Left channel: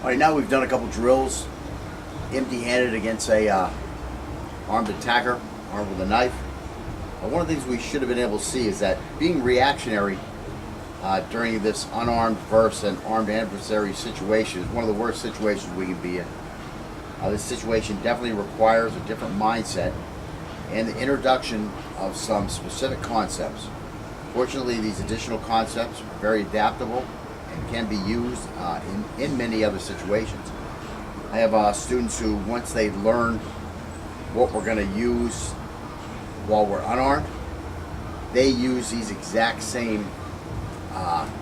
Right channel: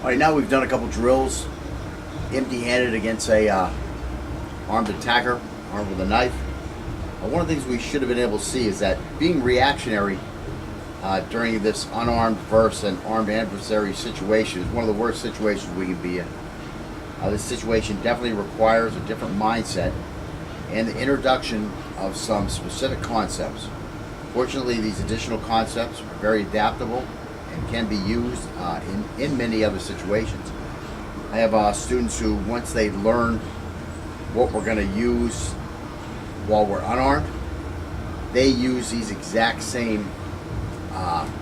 All right, now we've done a couple drills, empty-handed against a armed attacker, armed with a knife. One of the things we should have been able to see is that being reactionary during this unarmed versus an armed adversary situation is one of the worst situations we can be in. This situation definitely requires a different mindset and the introduction of some specific concepts. Fortunately, these additional concepts are very adaptable and can be used in many other situations. I have students who, once they learn what we're going to use while we're unarmed, they use these exact same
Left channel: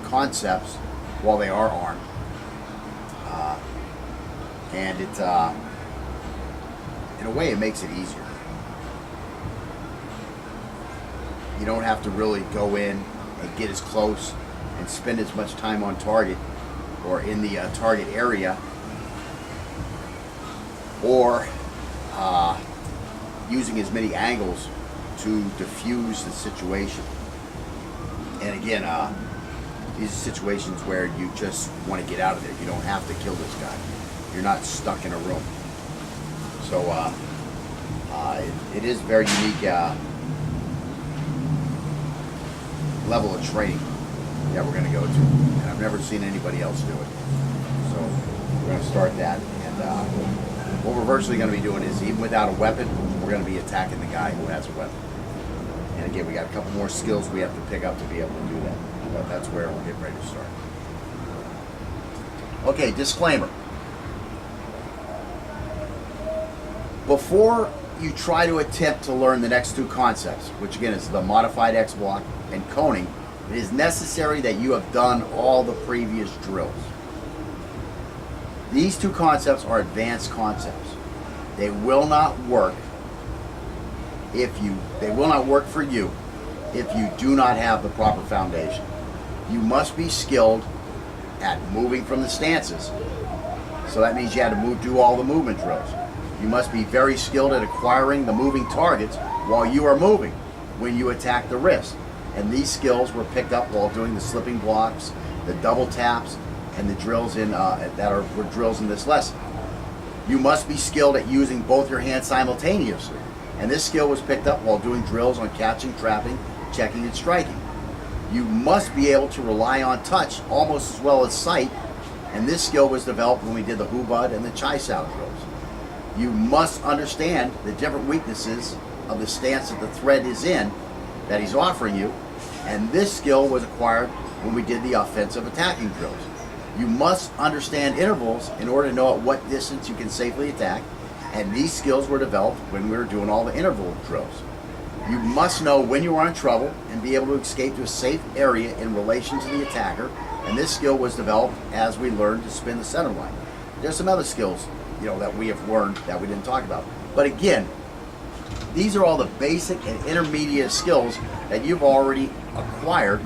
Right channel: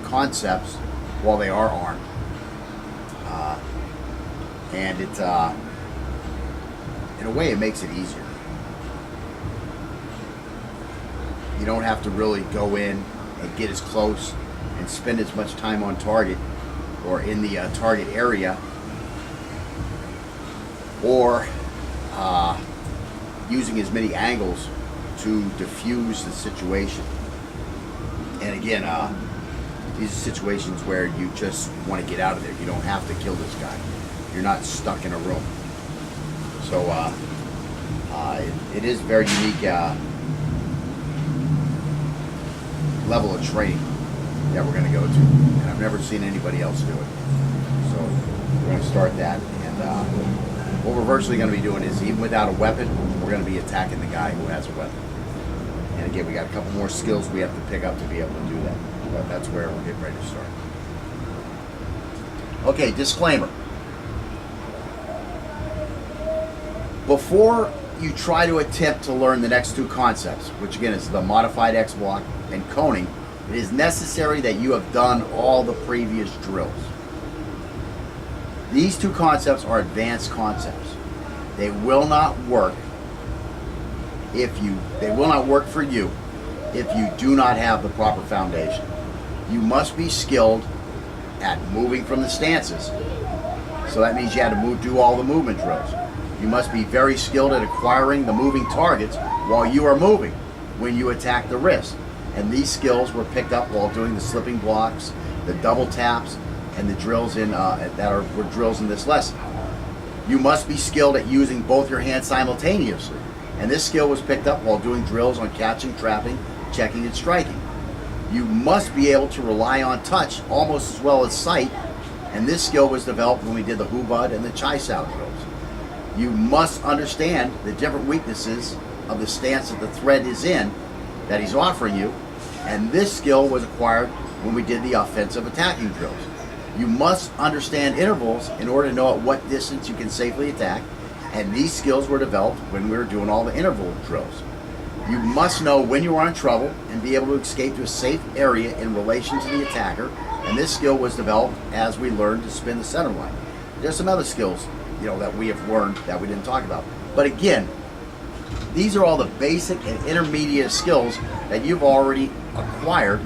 concepts while they are armed. And it, in a way, it makes it easier. You don't have to really go in and get as close and spend as much time on target or in the target area, or using as many angles to diffuse the situation. And again, these are situations where you just want to get out of there. You don't have to kill this guy. You're not stuck in a room. So it is very unique level of training that we're going to go to, and I've never seen anybody else do it. So we're going to start that, and what we're virtually going to be doing is, even without a weapon, we're going to be attacking the guy who has a weapon. And again, we got a couple more skills we have to pick up to be able to do that, but that's where we're getting ready to start. Okay, disclaimer. Before you try to attempt to learn the next two concepts, which again is the modified X block and coning, it is necessary that you have done all the previous drills. These two concepts are advanced concepts. They will not work for you if you do not have the proper foundation. You must be skilled at moving from the stances. So that means you had to do all the movement drills. You must be very skilled at acquiring the moving targets while you are moving when you attack the wrist. And these skills were picked up while doing the slipping blocks, the double taps, and the drills were drills in this lesson. You must be skilled at using both your hands simultaneously. And this skill was picked up while doing drills on catching, trapping, checking, and striking. You must be able to rely on touch almost as well as sight. And this skill was developed when we did the hubud and the chai sao drills. You must understand the different weaknesses of the stance that the threat is in that he's offering you, and this skill was acquired when we did the offensive attacking drills. You must understand intervals in order to know at what distance you can safely attack, and these skills were developed when we were doing all the interval drills. You must know when you are in trouble and be able to escape to a safe area in relation to the attacker, and this skill was developed as we learned to spin the center line. There's some other skills that we have learned that we didn't talk about. But again, these are all the basic and intermediate skills that you've already acquired,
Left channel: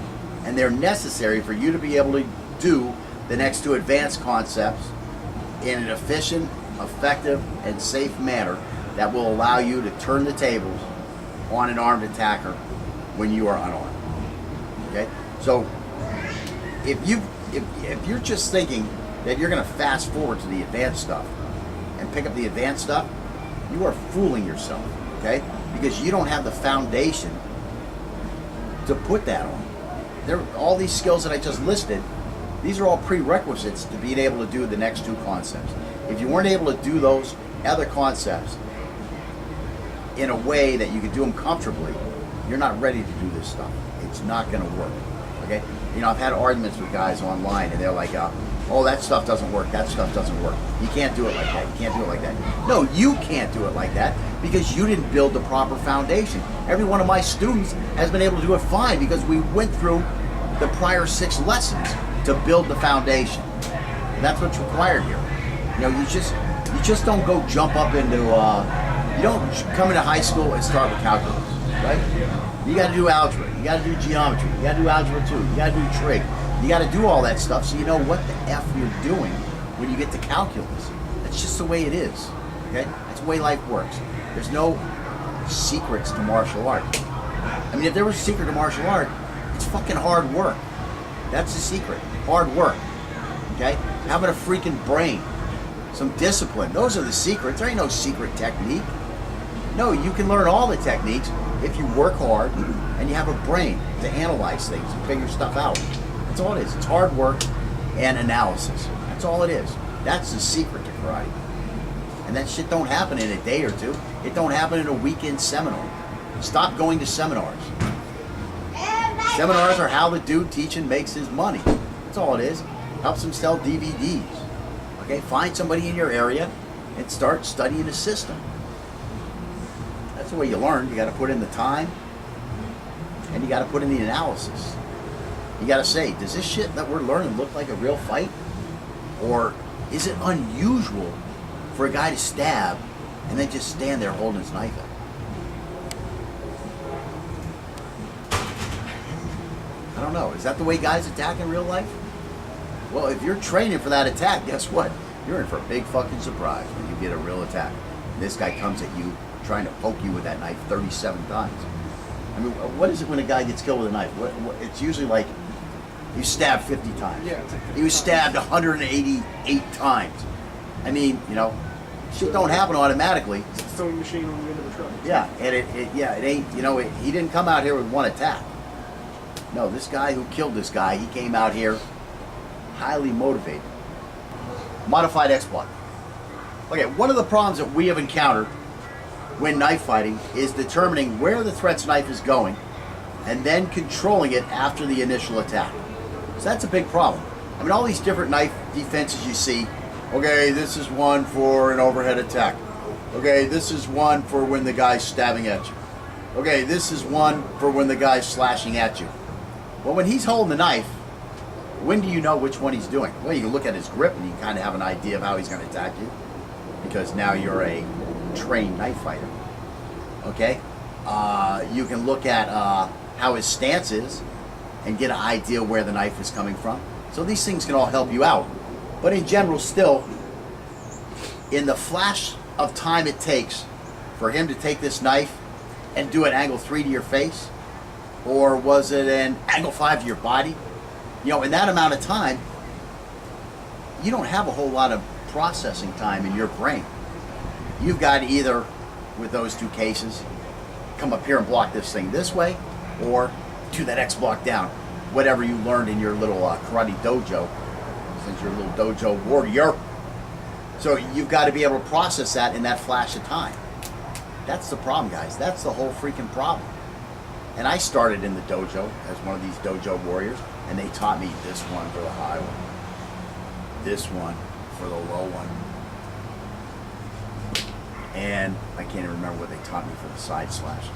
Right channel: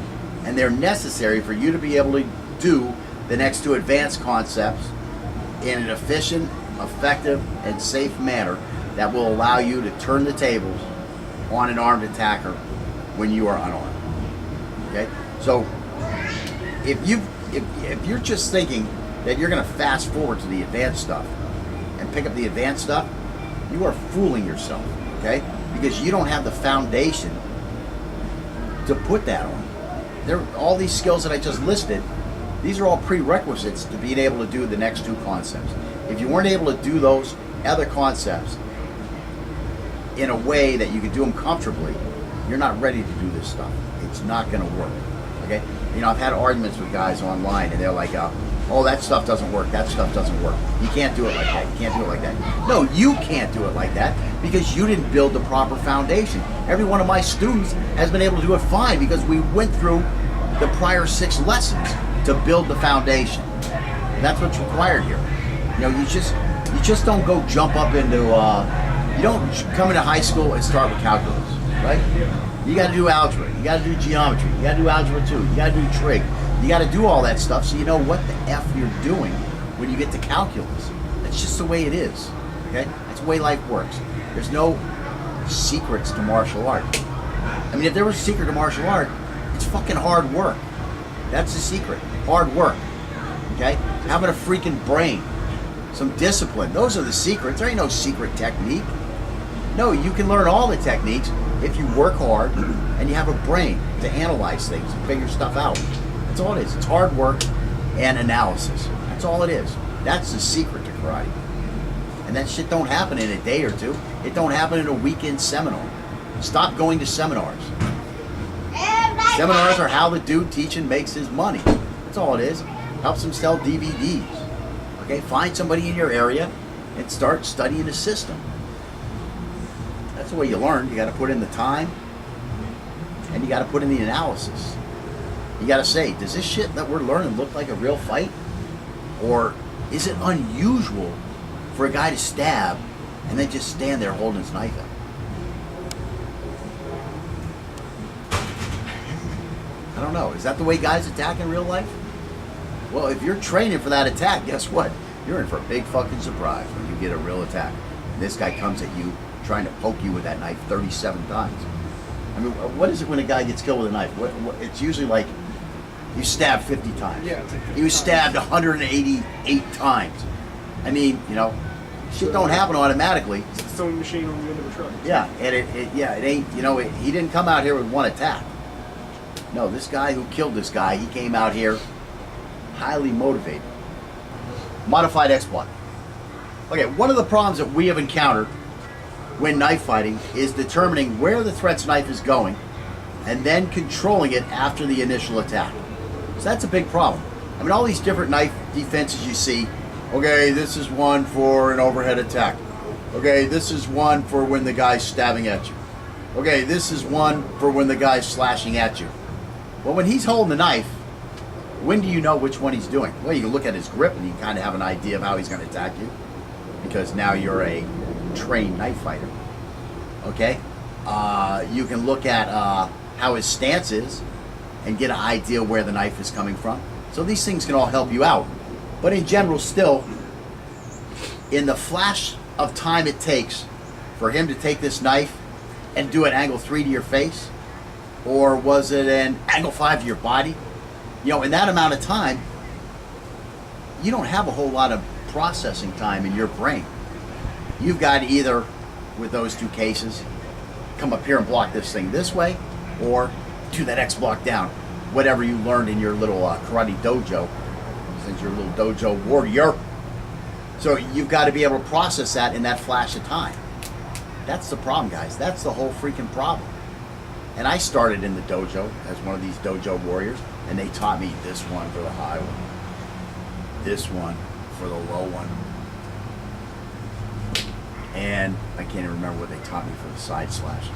and they're necessary for you to be able to do the next two advanced concepts in an efficient, effective, and safe manner that will allow you to turn the tables on an armed attacker when you are unarmed. Okay? So if you're just thinking that you're going to fast forward to the advanced stuff and pick up the advanced stuff, you are fooling yourself, okay? Because you don't have the foundation to put that on. All these skills that I just listed, these are all prerequisites to being able to do the next two concepts. If you weren't able to do those other concepts in a way that you could do them comfortably, you're not ready to do this stuff. It's not going to work, okay? I've had arguments with guys online, and they're like, oh, that stuff doesn't work, that stuff doesn't work. You can't do it like that, you can't do it like that. No, you can't do it like that because you didn't build the proper foundation. Every one of my students has been able to do it fine because we went through the prior 6 lessons to build the foundation. And that's what's required here. You just don't go jump up into, you don't come into high school and start with calculus, right? You gotta do algebra, you gotta do geometry, you gotta do algebra 2, you gotta do trig. You got to do all that stuff so you know what the F you're doing when you get to calculus. That's just the way it is, okay? That's the way life works. There's no secrets to martial art. I mean, if there was a secret to martial art, it's fucking hard work. That's the secret, hard work, okay? having a freaking brain, some discipline. Those are the secrets. There ain't no secret technique. No, you can learn all the techniques if you work hard and you have a brain to analyze things and figure stuff out. That's all it is. It's hard work and analysis. That's all it is. That's the secret to karate. And that shit don't happen in a day or two. It don't happen in a weekend seminar. Stop going to seminars. Seminars are how the dude teaching makes his money. That's all it is. Helps him sell DVDs. Okay, find somebody in your area and start studying the system. That's the way you learn. You got to put in the time and you got to put in the analysis. You got to say, does this shit that we're learning look like a real fight? Or is it unusual for a guy to stab and then just stand there holding his knife out? I don't know. Is that the way guys attack in real life? Well, if you're training for that attack, guess what? You're in for a big fucking surprise when you get a real attack. And this guy comes at you trying to poke you with that knife 37 times. I mean, what is it when a guy gets killed with a knife? It's usually like you stabbed 50 times. Yeah, it's like he was stabbed 188 times. I mean, you know, shit don't happen automatically. It's a sewing machine on the end of a truck. Yeah, and it ain't, you know, he didn't come out here with one attack. No, this guy who killed this guy, he came out here highly motivated. Modified exploit. Okay, one of the problems that we have encountered when knife fighting is determining where the threat's knife is going and then controlling it after the initial attack. So that's a big problem. I mean, all these different knife defenses you see, okay, this is one for an overhead attack. Okay, this is one for when the guy's stabbing at you. Okay, this is one for when the guy's slashing at you. Well, when he's holding the knife, when do you know which one he's doing? Well, you can look at his grip and you can kind of have an idea of how he's going to attack you because now you're a trained knife fighter. Okay? You can look at how his stance is and get an idea where the knife is coming from. So these things can all help you out. But in general, still, in the flash of time it takes for him to take this knife and do an angle 3 to your face, or was it an angle 5 to your body? You know, in that amount of time, you don't have a whole lot of processing time in your brain. You've got to either, with those two cases, come up here and block this thing this way, or do that X block down. Whatever you learned in your little karate dojo, since you're a little dojo warrior. So you've got to be able to process that in that flash of time. That's the problem, guys. That's the whole freaking problem. And I started in the dojo as one of these dojo warriors, and they taught me this one for the high one, this one for the low one, and I can't even remember what they taught me for the side slashes.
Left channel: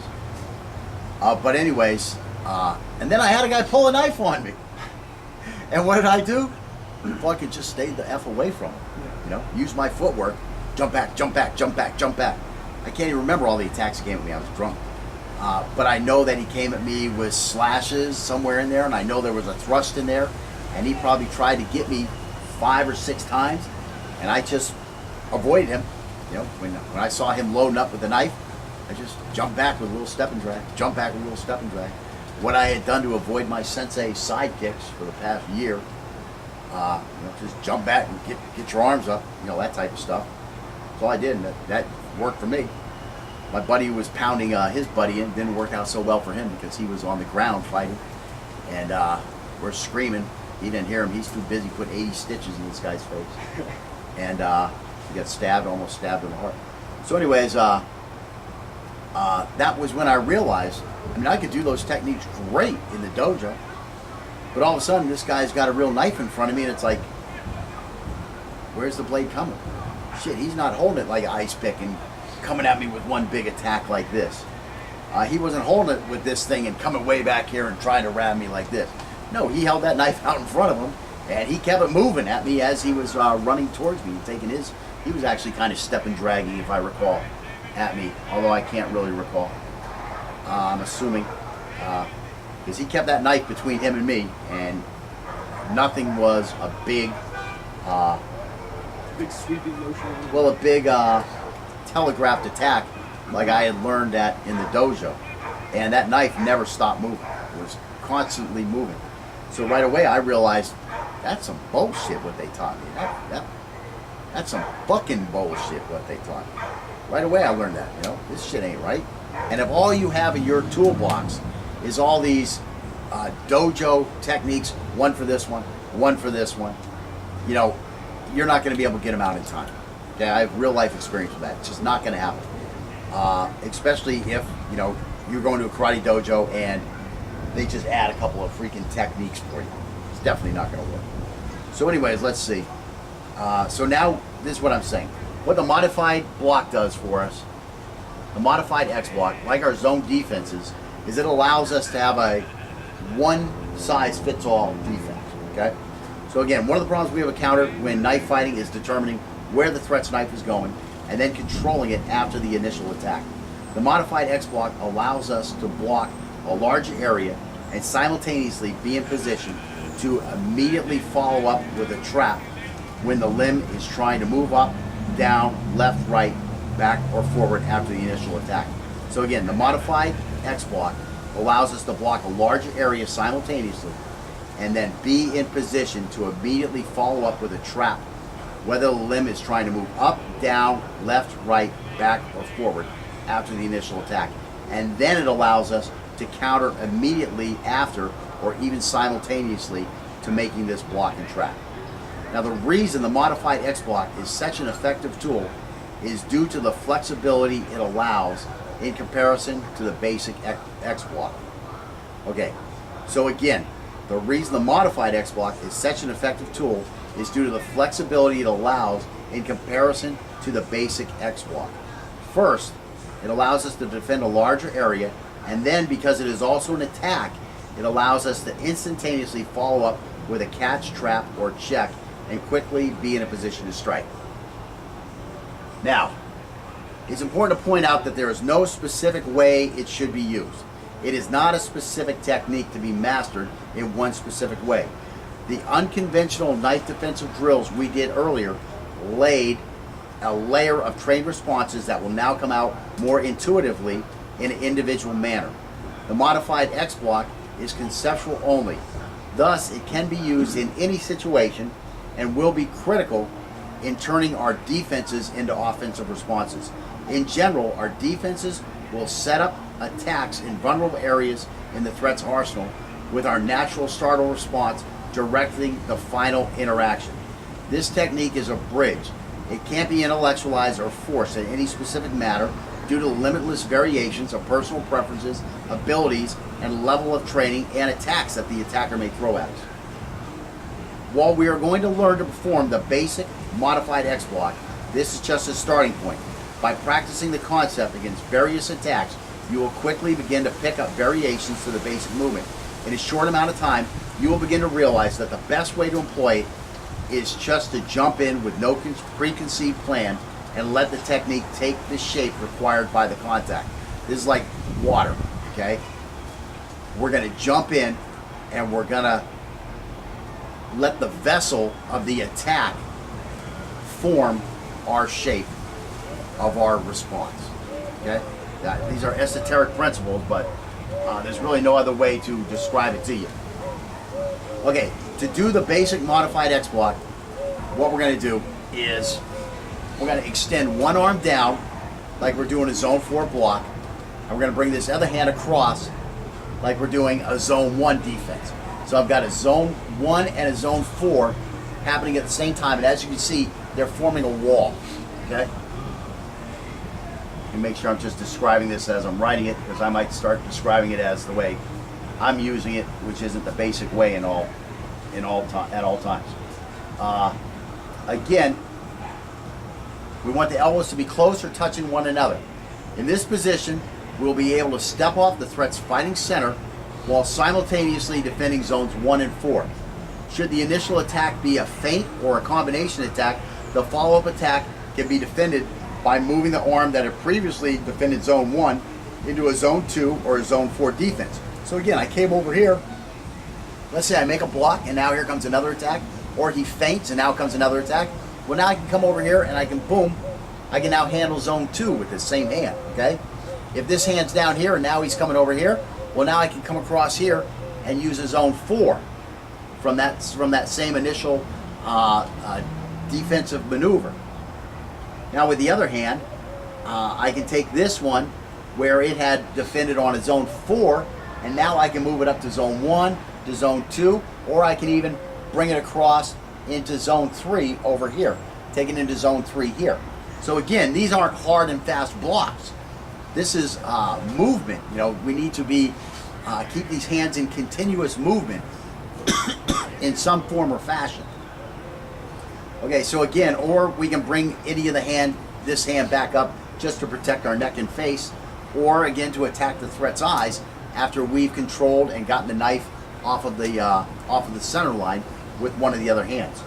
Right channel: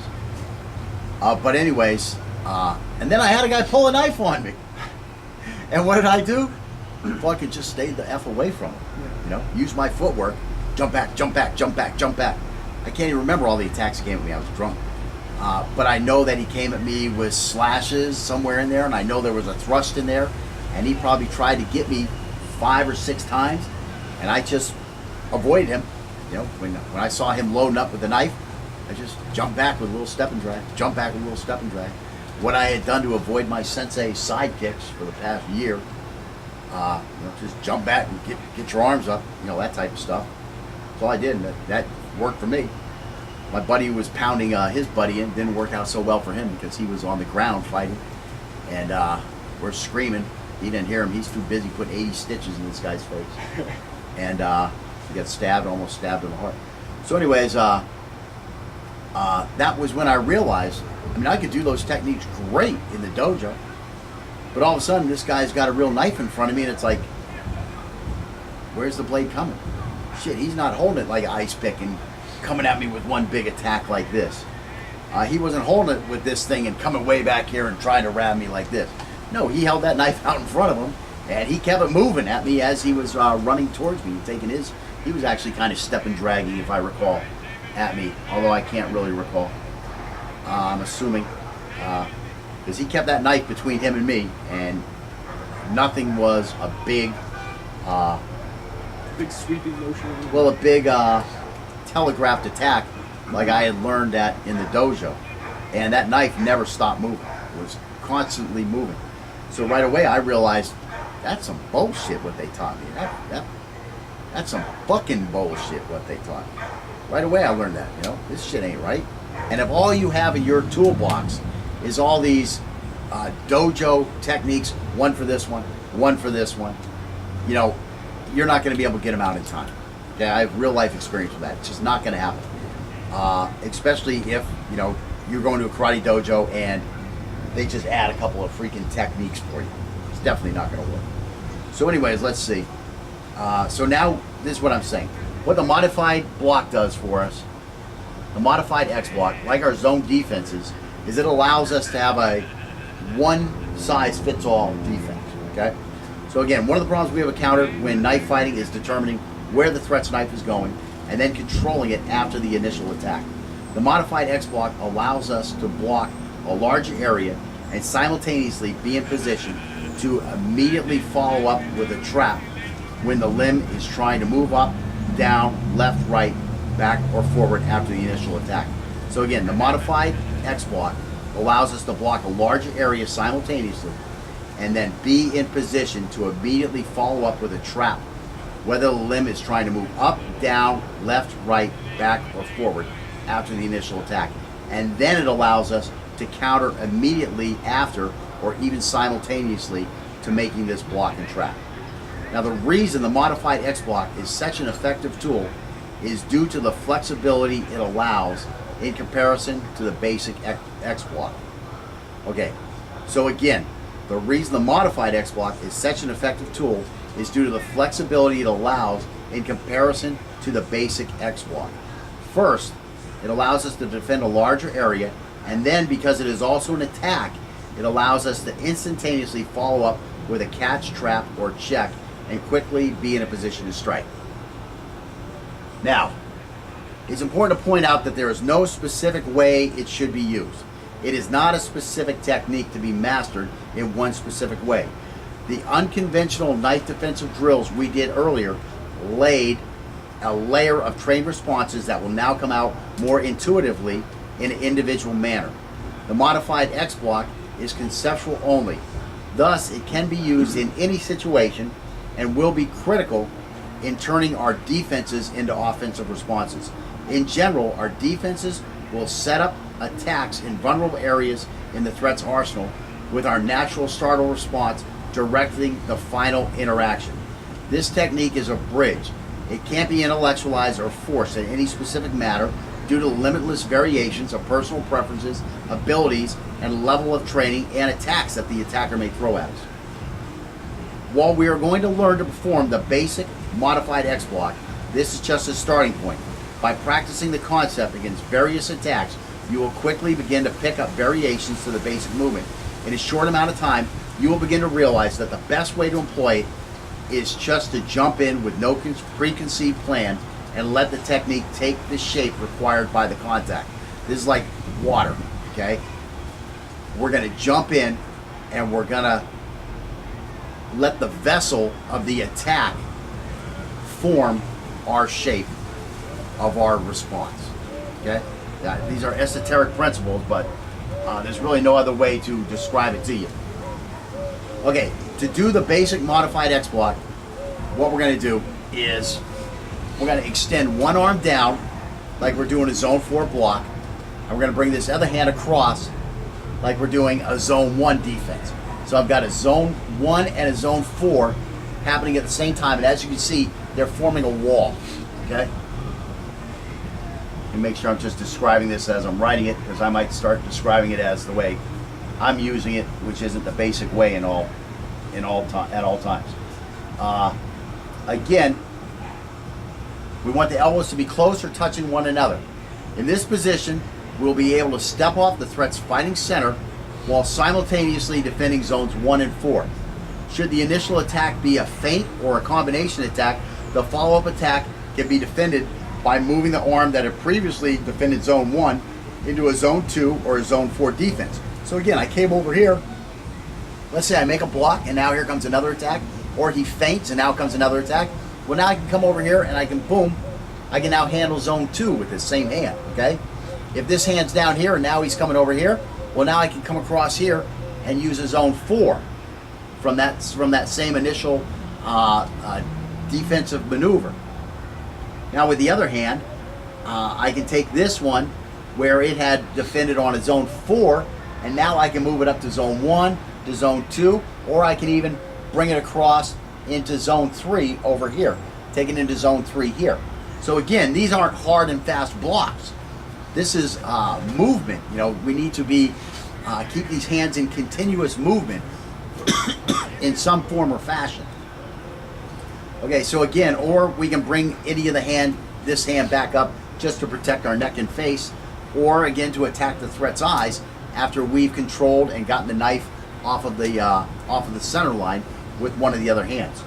But anyways, and then I had a guy pull a knife on me, and what did I do? Fucking just stayed the F away from him. You know, use my footwork, jump back, jump back, jump back, jump back. I can't even remember all the attacks he came at me. I was drunk. But I know that he came at me with slashes somewhere in there, and I know there was a thrust in there, and he probably tried to get me 5 or 6 times, and I just avoided him. You know, when I saw him loading up with the knife, I just jumped back with a little step and drag, jump back with a little step and drag. What I had done to avoid my sensei side kicks for the past year, you know, just jump back and get your arms up, you know, that type of stuff. That's all I did, and that worked for me. My buddy was pounding his buddy in. Didn't work out so well for him because he was on the ground fighting. And we're screaming. He didn't hear him. He's too busy putting 80 stitches in this guy's face. And he got stabbed, almost stabbed in the heart. So anyways, that was when I realized, I mean, I could do those techniques great in the dojo. But all of a sudden, this guy's got a real knife in front of me, and it's like, where's the blade coming? Shit, he's not holding it like an ice pick and coming at me with one big attack like this. He wasn't holding it with this thing and coming way back here and trying to wrap me like this. No, he held that knife out in front of him, and he kept it moving at me as he was running towards me, taking his. He was actually kind of step and dragging, if I recall, at me, although I can't really recall. I'm assuming, because he kept that knife between him and me, and nothing was a big, big sweeping motion. well, a big telegraphed attack like I had learned that in the dojo, and that knife never stopped moving. It was constantly moving. So right away I realized That's some bullshit what they taught me. That's some fucking bullshit what they taught me. Right away I learned that, this shit ain't right. And if all you have in your toolbox is all these dojo techniques, one for this one for this one, you're not going to be able to get them out in time. Okay, I have real life experience with that. It's just not going to happen. Especially if, you're going to a karate dojo and they just add a couple of freaking techniques for you. It's definitely not going to work. So anyways, let's see. So now, this is what I'm saying. What the modified block does for us, the modified X block, like our zone defenses, is it allows us to have a one-size-fits-all defense, okay? So again, one of the problems we have encountered when knife fighting is determining where the threat's knife is going and then controlling it after the initial attack. The modified X block allows us to block a large area and simultaneously be in position to immediately follow up with a trap when the limb is trying to move up, down, left, right, back, or forward after the initial attack. So again, the modified X block allows us to block a large area simultaneously and then be in position to immediately follow up with a trap, whether the limb is trying to move up, down, left, right, back, or forward after the initial attack. And then it allows us to counter immediately after or even simultaneously to making this block and trap. Now the reason the modified X block is such an effective tool is due to the flexibility it allows in comparison to the basic X block. Okay, so again, the reason the modified X block is such an effective tool is due to the flexibility it allows in comparison to the basic X block. First, it allows us to defend a larger area, and then because it is also an attack, it allows us to instantaneously follow up with a catch, trap, or check and quickly be in a position to strike. Now, it's important to point out that there is no specific way it should be used. It is not a specific technique to be mastered in one specific way. The unconventional knife defensive drills we did earlier laid a layer of trained responses that will now come out more intuitively in an individual manner. The modified X block is conceptual only. Thus, it can be used in any situation and will be critical in turning our defenses into offensive responses. In general, our defenses will set up attacks in vulnerable areas in the threat's arsenal with our natural startle response directing the final interaction. This technique is a bridge. It can't be intellectualized or forced in any specific matter due to limitless variations of personal preferences, abilities, and level of training and attacks that the attacker may throw at us. While we are going to learn to perform the basic modified X block, this is just a starting point. By practicing the concept against various attacks, you will quickly begin to pick up variations to the basic movement. In a short amount of time, you will begin to realize that the best way to employ it is just to jump in with no preconceived plan and let the technique take the shape required by the contact. This is like water, okay? We're gonna jump in and we're gonna let the vessel of the attack form our shape of our response, okay? These are esoteric principles, but there's really no other way to describe it to you. Okay, to do the basic modified X block, what we're gonna do is we're gonna extend one arm down like we're doing a zone 4 block, and we're gonna bring this other hand across like we're doing a zone 1 defense. So I've got a zone 1 and a zone 4 happening at the same time, and as you can see, they're forming a wall, okay? And make sure I'm just describing this as I'm writing it, because I might start describing it as the way I'm using it, which isn't the basic way at all times. Again, we want the elbows to be close or touching one another. In this position, we'll be able to step off the threat's fighting center while simultaneously defending zones 1 and 4. Should the initial attack be a feint or a combination attack, the follow-up attack can be defended by moving the arm that had previously defended zone 1 into a zone 2 or a zone 4 defense. So again, I came over here, let's say I make a block and now here comes another attack, or he feints and now comes another attack. Well, now I can come over here and I can boom, I can now handle zone 2 with this same hand, okay? If this hand's down here and now he's coming over here, well, now I can come across here and use a zone 4 from that same initial defensive maneuver. Now with the other hand, I can take this one where it had defended on a zone 4, and now I can move it up to zone 1, to zone 2, or I can even bring it across into zone 3 over here, take it into zone 3 here. So again, these aren't hard and fast blocks. This is movement. You know, we need to be keep these hands in continuous movement in some form or fashion. Okay, so again, or we can bring any of this hand back up just to protect our neck and face, or again to attack the threat's eyes after we've controlled and gotten the knife off of the center line with one of the other hands.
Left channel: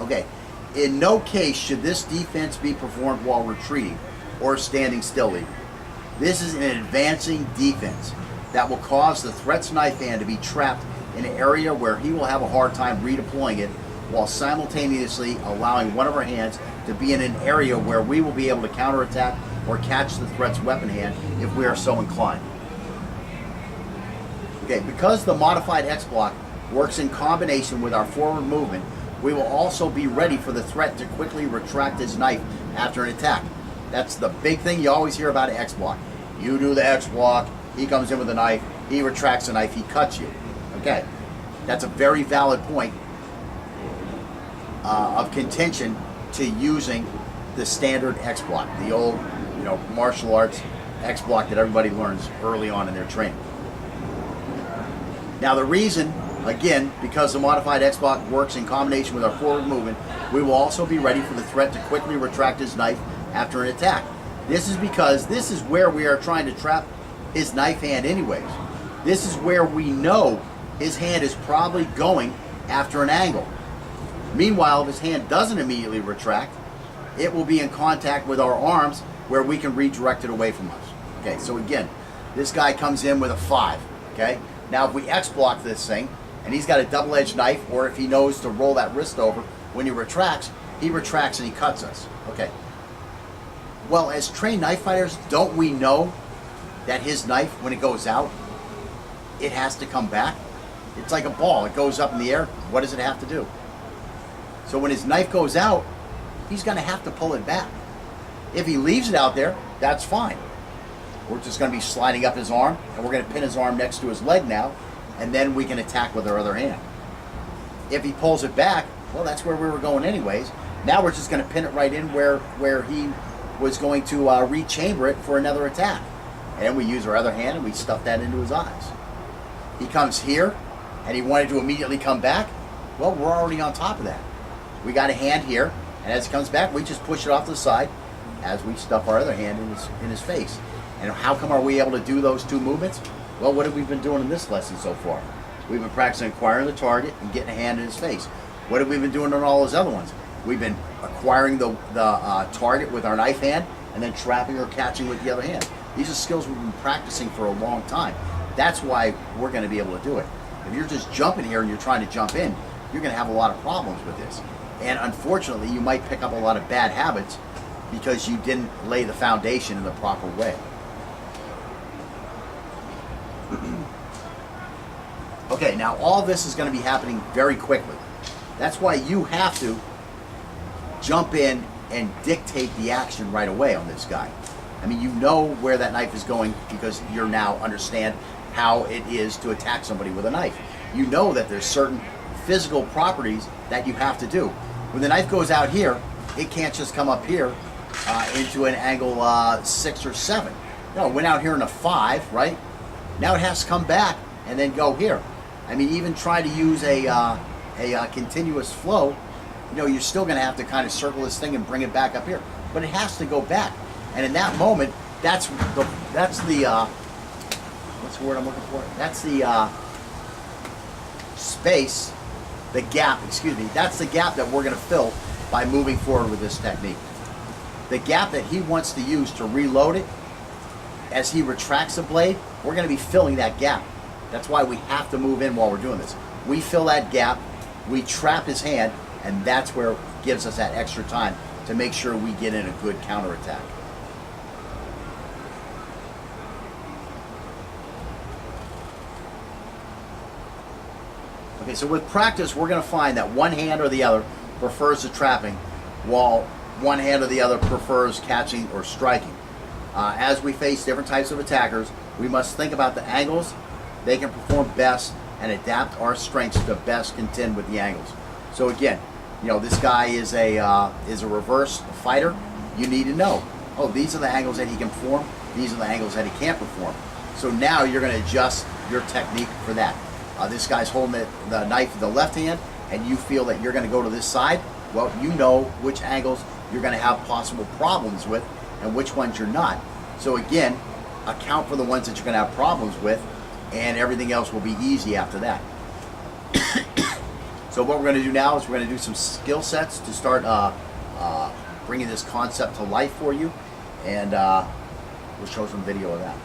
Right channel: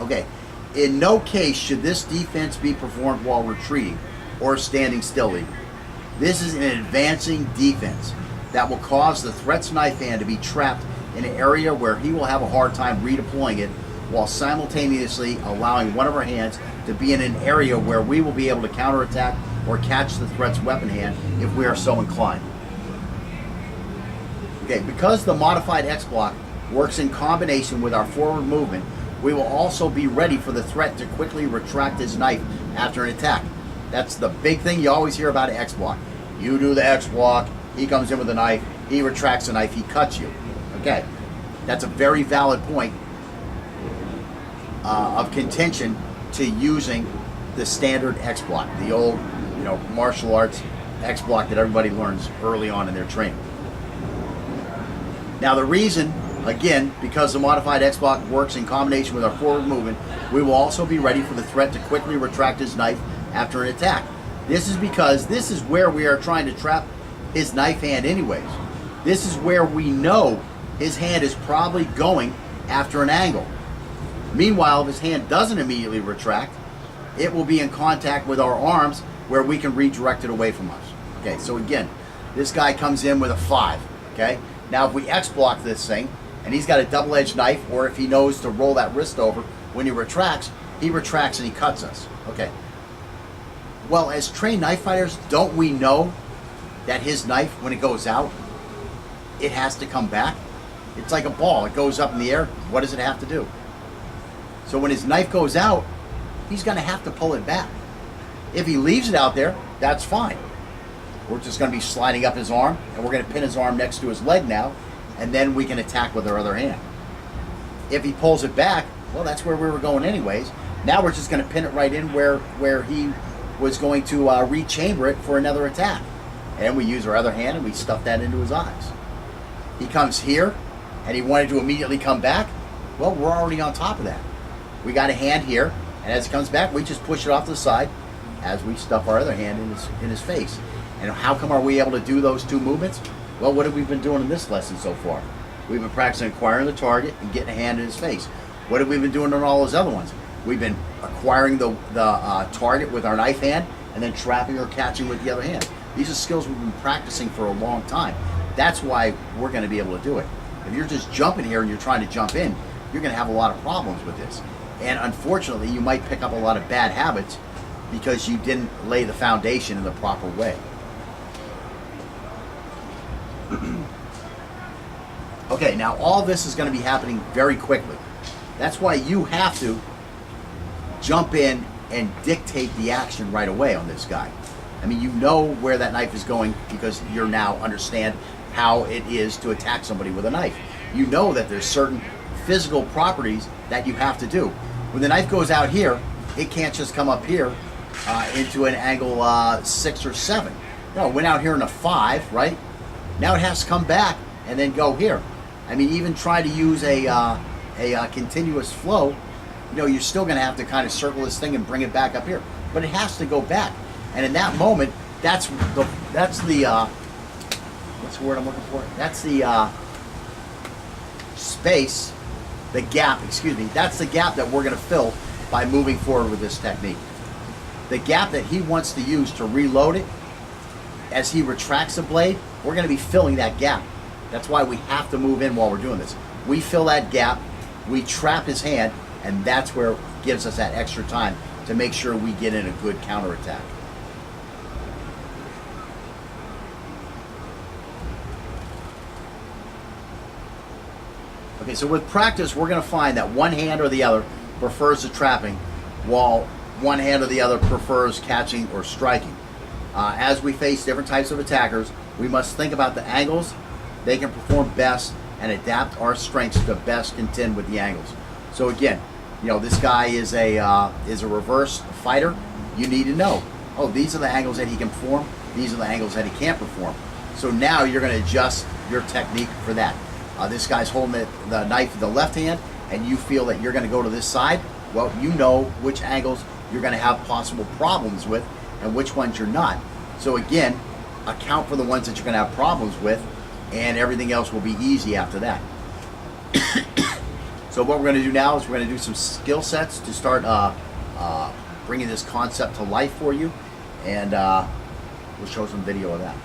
Okay, in no case should this defense be performed while retreating or standing still even. This is an advancing defense that will cause the threat's knife hand to be trapped in an area where he will have a hard time redeploying it, while simultaneously allowing one of our hands to be in an area where we will be able to counterattack or catch the threat's weapon hand if we are so inclined. Okay, because the modified X block works in combination with our forward movement, we will also be ready for the threat to quickly retract his knife after an attack. That's the big thing you always hear about an X block. You do the X block, he comes in with a knife, he retracts the knife, he cuts you. Okay, that's a very valid point of contention to using the standard X block, the old, martial arts X block that everybody learns early on in their training. Now the reason, again, because the modified X block works in combination with our forward movement, we will also be ready for the threat to quickly retract his knife after an attack. This is because this is where we are trying to trap his knife hand anyways. This is where we know his hand is probably going after an angle. Meanwhile, if his hand doesn't immediately retract, it will be in contact with our arms where we can redirect it away from us. Okay, so again, this guy comes in with a 5, okay? Now if we X block this thing, and he's got a double-edged knife, or if he knows to roll that wrist over, when he retracts and he cuts us. Okay. Well, as trained knife fighters, don't we know that his knife, when it goes out, it has to come back? It's like a ball. It goes up in the air. What does it have to do? So when his knife goes out, he's going to have to pull it back. If he leaves it out there, that's fine. We're just going to be sliding up his arm, and we're going to pin his arm next to his leg now, and then we can attack with our other hand. If he pulls it back, well, that's where we were going anyways. Now we're just going to pin it right in where he was going to rechamber it for another attack. And we use our other hand and we stuff that into his eyes. He comes here, and he wanted to immediately come back. Well, we're already on top of that. We got a hand here, and as it comes back, we just push it off to the side as we stuff our other hand in his face. And how come are we able to do those two movements? Well, what have we been doing in this lesson so far? We've been practicing acquiring the target and getting a hand in his face. What have we been doing on all those other ones? We've been acquiring the target with our knife hand and then trapping or catching with the other hand. These are skills we've been practicing for a long time. That's why we're going to be able to do it. If you're just jumping here and you're trying to jump in, you're going to have a lot of problems with this. And unfortunately, you might pick up a lot of bad habits because you didn't lay the foundation in the proper way. Okay, now all this is going to be happening very quickly. That's why you have to jump in and dictate the action right away on this guy. I mean, you know where that knife is going because you now understand how it is to attack somebody with a knife. You know that there's certain physical properties that you have to do. When the knife goes out here, it can't just come up here into an angle 6 or 7. No, it went out here in a 5, right? Now it has to come back and then go here. I mean, even try to use a continuous flow, you're still going to have to kind of circle this thing and bring it back up here. But it has to go back. And in that moment, that's the what's the word I'm looking for? That's the space, the gap, excuse me. That's the gap that we're going to fill by moving forward with this technique. The gap that he wants to use to reload it, as he retracts the blade, we're going to be filling that gap. That's why we have to move in while we're doing this. We fill that gap, we trap his hand, and that's where it gives us that extra time to make sure we get in a good counterattack. Okay, so with practice, we're going to find that one hand or the other prefers the trapping, while one hand or the other prefers catching or striking. As we face different types of attackers, we must think about the angles they can perform best and adapt our strengths to best contend with the angles. So again, you know, this guy is a reverse fighter. You need to know, oh, these are the angles that he can perform. These are the angles that he can't perform. So now you're going to adjust your technique for that. This guy's holding the knife in the left hand, and you feel that you're going to go to this side. Well, you know which angles you're going to have possible problems with and which ones you're not. So again, account for the ones that you're going to have problems with, and everything else will be easy after that. So what we're going to do now is we're going to do some skill sets to start bringing this concept to life for you, and we'll show some video of that.